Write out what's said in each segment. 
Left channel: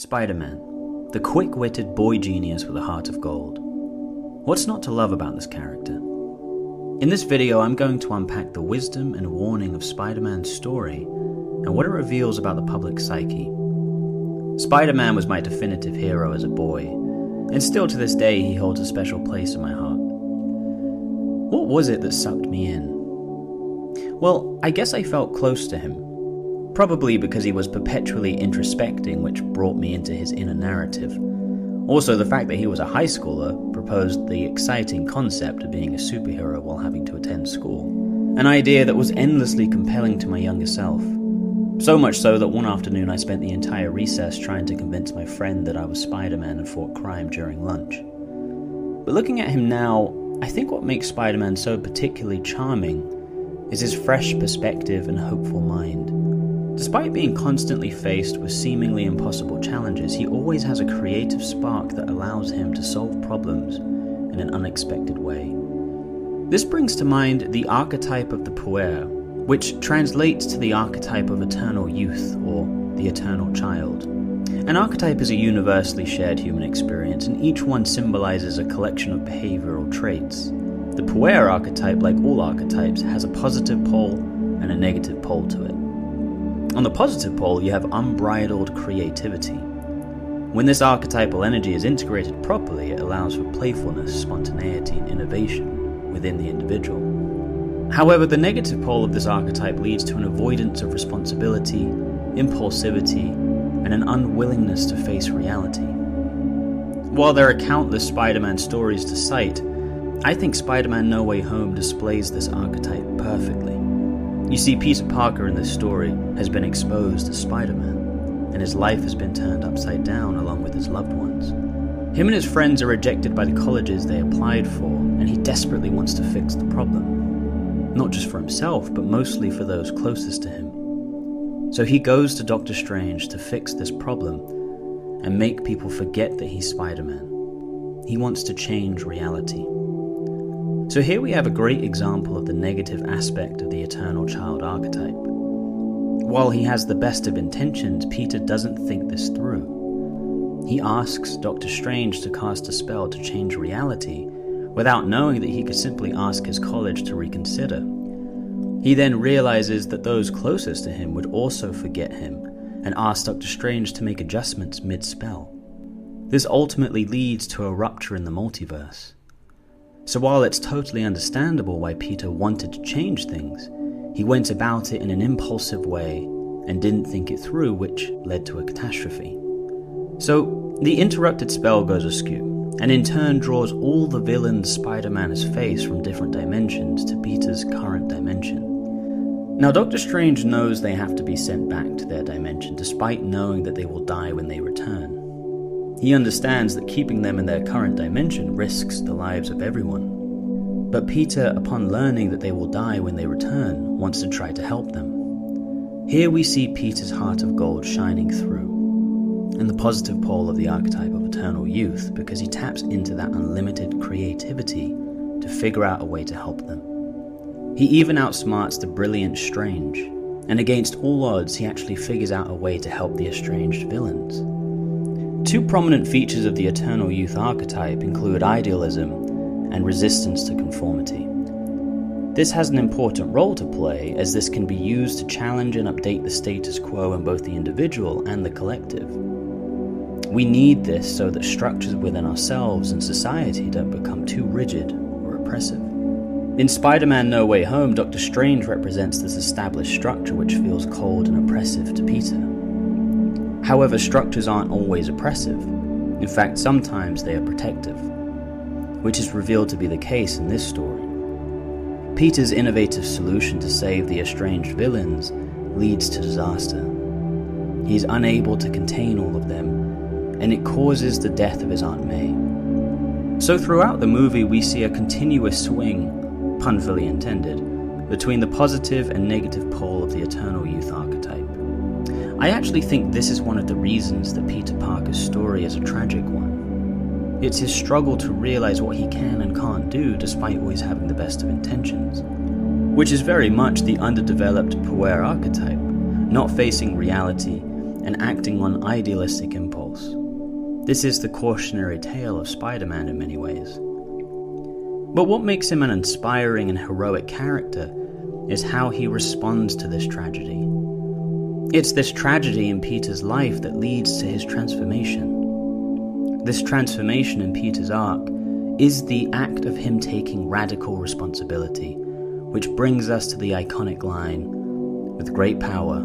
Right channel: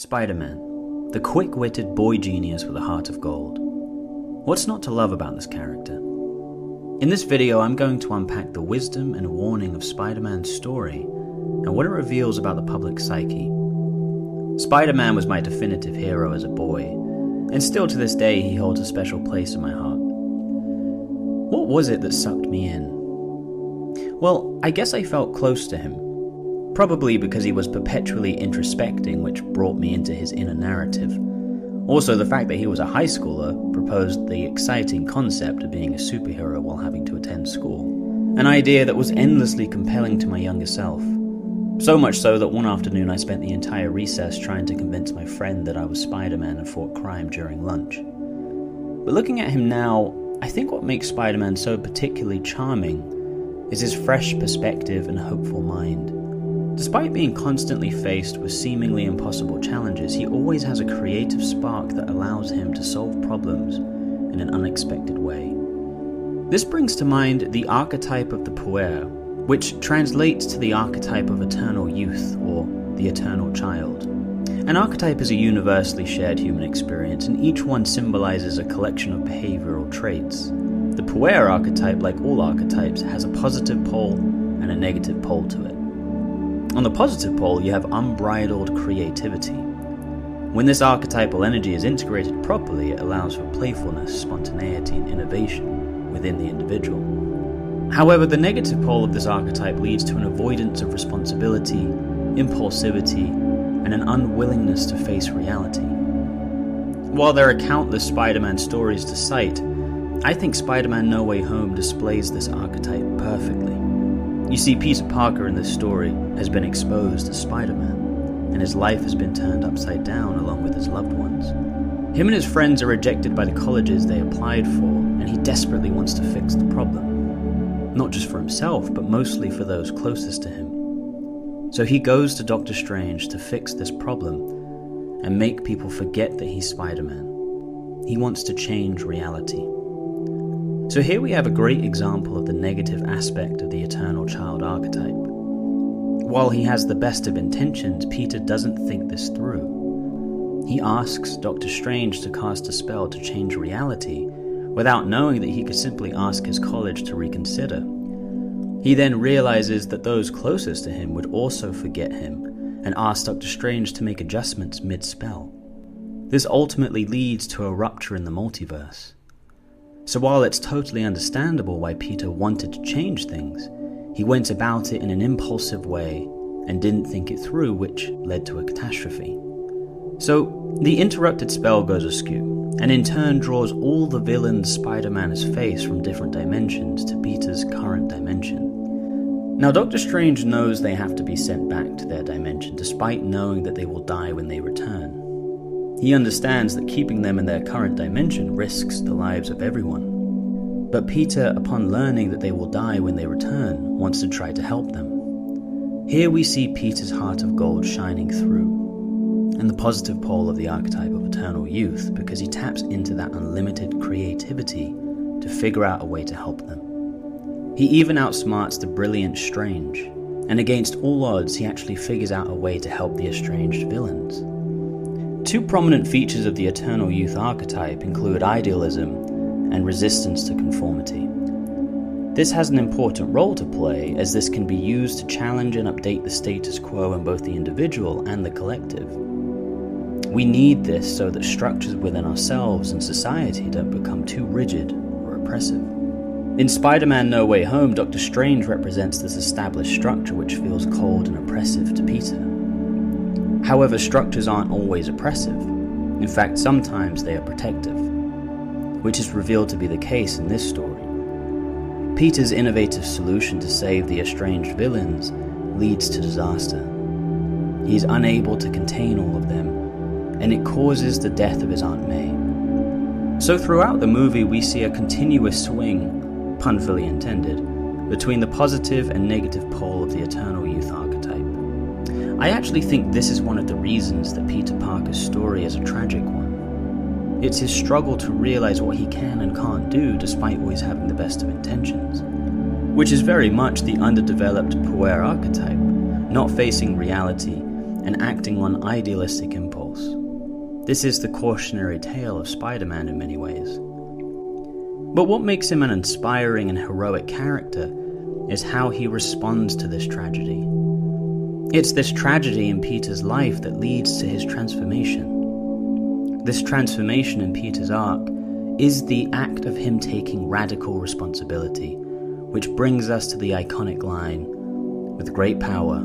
Spider-Man, the quick-witted boy genius with a heart of gold. What's not to love about this character? In this video, I'm going to unpack the wisdom and warning of Spider-Man's story and what it reveals about the public psyche. Spider-Man was my definitive hero as a boy, and still to this day he holds a special place in my heart. What was it that sucked me in? Well, I guess I felt close to him. Probably because he was perpetually introspecting, which brought me into his inner narrative. Also, the fact that he was a high schooler proposed the exciting concept of being a superhero while having to attend school. An idea that was endlessly compelling to my younger self. So much so that one afternoon I spent the entire recess trying to convince my friend that I was Spider-Man and fought crime during lunch. But looking at him now, I think what makes Spider-Man so particularly charming is his fresh perspective and hopeful mind. Despite being constantly faced with seemingly impossible challenges, he always has a creative spark that allows him to solve problems in an unexpected way. This brings to mind the archetype of the puer, which translates to the archetype of eternal youth, or the eternal child. An archetype is a universally shared human experience, and each one symbolizes a collection of behavioral traits. The puer archetype, like all archetypes, has a positive pole and a negative pole to it. On the positive pole, you have unbridled creativity. When this archetypal energy is integrated properly, it allows for playfulness, spontaneity, and innovation within the individual. However, the negative pole of this archetype leads to an avoidance of responsibility, impulsivity, and an unwillingness to face reality. While there are countless Spider-Man stories to cite, I think Spider-Man No Way Home displays this archetype perfectly. You see, Peter Parker in this story has been exposed as Spider-Man, and his life has been turned upside down along with his loved ones. Him and his friends are rejected by the colleges they applied for, and he desperately wants to fix the problem. Not just for himself, but mostly for those closest to him. So he goes to Doctor Strange to fix this problem and make people forget that he's Spider-Man. He wants to change reality. So here we have a great example of the negative aspect of the eternal child archetype. While he has the best of intentions, Peter doesn't think this through. He asks Doctor Strange to cast a spell to change reality without knowing that he could simply ask his college to reconsider. He then realizes that those closest to him would also forget him and ask Doctor Strange to make adjustments mid-spell. This ultimately leads to a rupture in the multiverse. So while it's totally understandable why Peter wanted to change things, he went about it in an impulsive way and didn't think it through, which led to a catastrophe. So the interrupted spell goes askew, and in turn draws all the villains Spider-Man has faced from different dimensions to Peter's current dimension. Now Doctor Strange knows they have to be sent back to their dimension, despite knowing that they will die when they return. He understands that keeping them in their current dimension risks the lives of everyone. But Peter, upon learning that they will die when they return, wants to try to help them. Here we see Peter's heart of gold shining through, and the positive pole of the archetype of eternal youth, because he taps into that unlimited creativity to figure out a way to help them. He even outsmarts the brilliant Strange, and against all odds he actually figures out a way to help the estranged villains. Two prominent features of the eternal youth archetype include idealism and resistance to conformity. This has an important role to play, as this can be used to challenge and update the status quo in both the individual and the collective. We need this so that structures within ourselves and society don't become too rigid or oppressive. In Spider-Man No Way Home, Doctor Strange represents this established structure which feels cold and oppressive to Peter. However, structures aren't always oppressive. In fact, sometimes they are protective, which is revealed to be the case in this story. Peter's innovative solution to save the estranged villains leads to disaster. He is unable to contain all of them, and it causes the death of his Aunt May. So throughout the movie we see a continuous swing, pun fully intended, between the positive and negative pole of the eternal youth archetype. I actually think this is one of the reasons that Peter Parker's story is a tragic one. It's his struggle to realize what he can and can't do despite always having the best of intentions, which is very much the underdeveloped puer archetype, not facing reality and acting on idealistic impulse. This is the cautionary tale of Spider-Man in many ways. But what makes him an inspiring and heroic character is how he responds to this tragedy. It's this tragedy in Peter's life that leads to his transformation. This transformation in Peter's arc is the act of him taking radical responsibility, which brings us to the iconic line, "With great power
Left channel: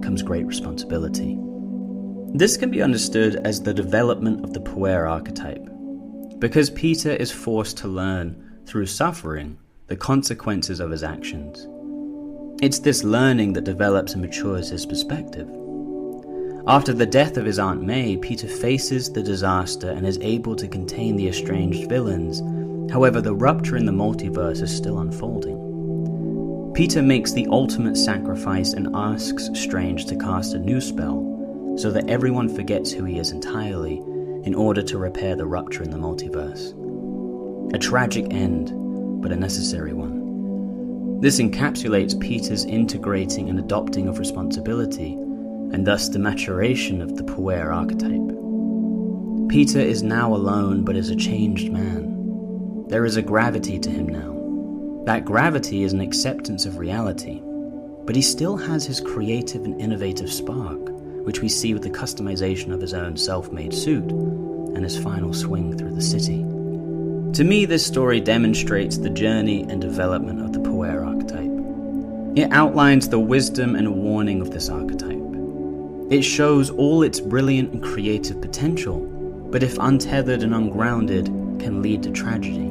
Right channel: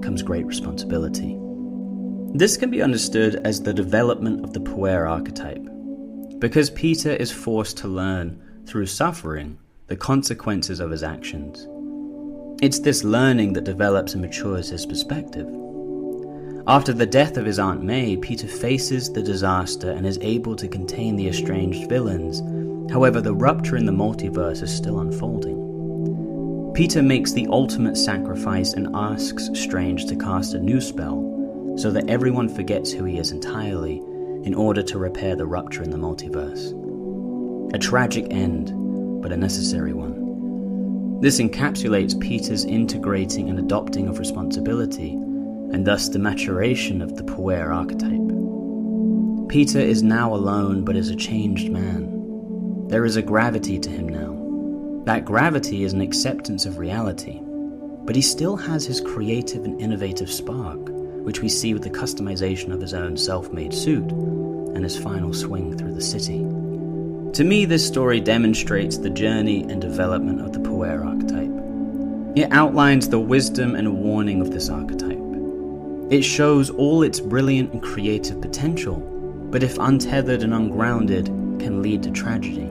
comes great responsibility." This can be understood as the development of the puer archetype, because Peter is forced to learn, through suffering, the consequences of his actions. It's this learning that develops and matures his perspective. After the death of his Aunt May, Peter faces the disaster and is able to contain the estranged villains. However, the rupture in the multiverse is still unfolding. Peter makes the ultimate sacrifice and asks Strange to cast a new spell, so that everyone forgets who he is entirely, in order to repair the rupture in the multiverse. A tragic end, but a necessary one. This encapsulates Peter's integrating and adopting of responsibility, and thus the maturation of the puer archetype. Peter is now alone, but is a changed man. There is a gravity to him now. That gravity is an acceptance of reality, but he still has his creative and innovative spark, which we see with the customization of his own self-made suit and his final swing through the city. To me, this story demonstrates the journey and development of the puer archetype. It outlines the wisdom and warning of this archetype. It shows all its brilliant and creative potential, but if untethered and ungrounded, can lead to tragedy.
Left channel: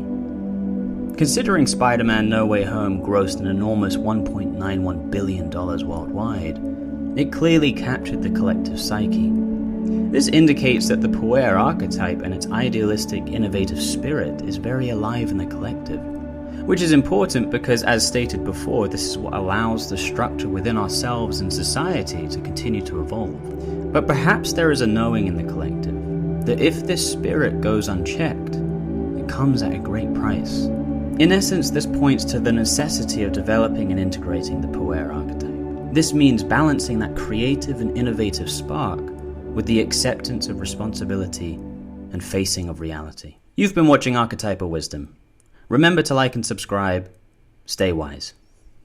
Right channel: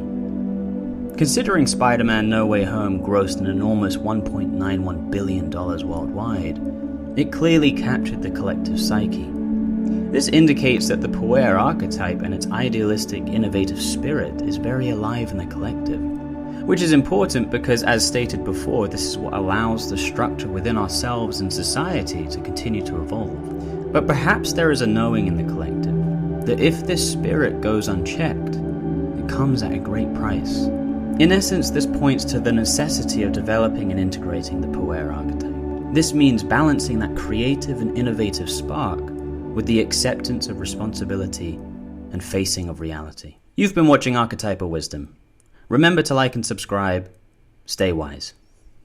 Considering Spider-Man No Way Home grossed an enormous $1.91 billion worldwide, it clearly captured the collective psyche. This indicates that the puer archetype and its idealistic, innovative spirit is very alive in the collective, which is important because, as stated before, this is what allows the structure within ourselves and society to continue to evolve. But perhaps there is a knowing in the collective that if this spirit goes unchecked, it comes at a great price. In essence, this points to the necessity of developing and integrating the puer archetype. This means balancing that creative and innovative spark with the acceptance of responsibility and facing of reality. You've been watching Archetypal Wisdom. Remember to like and subscribe. Stay wise.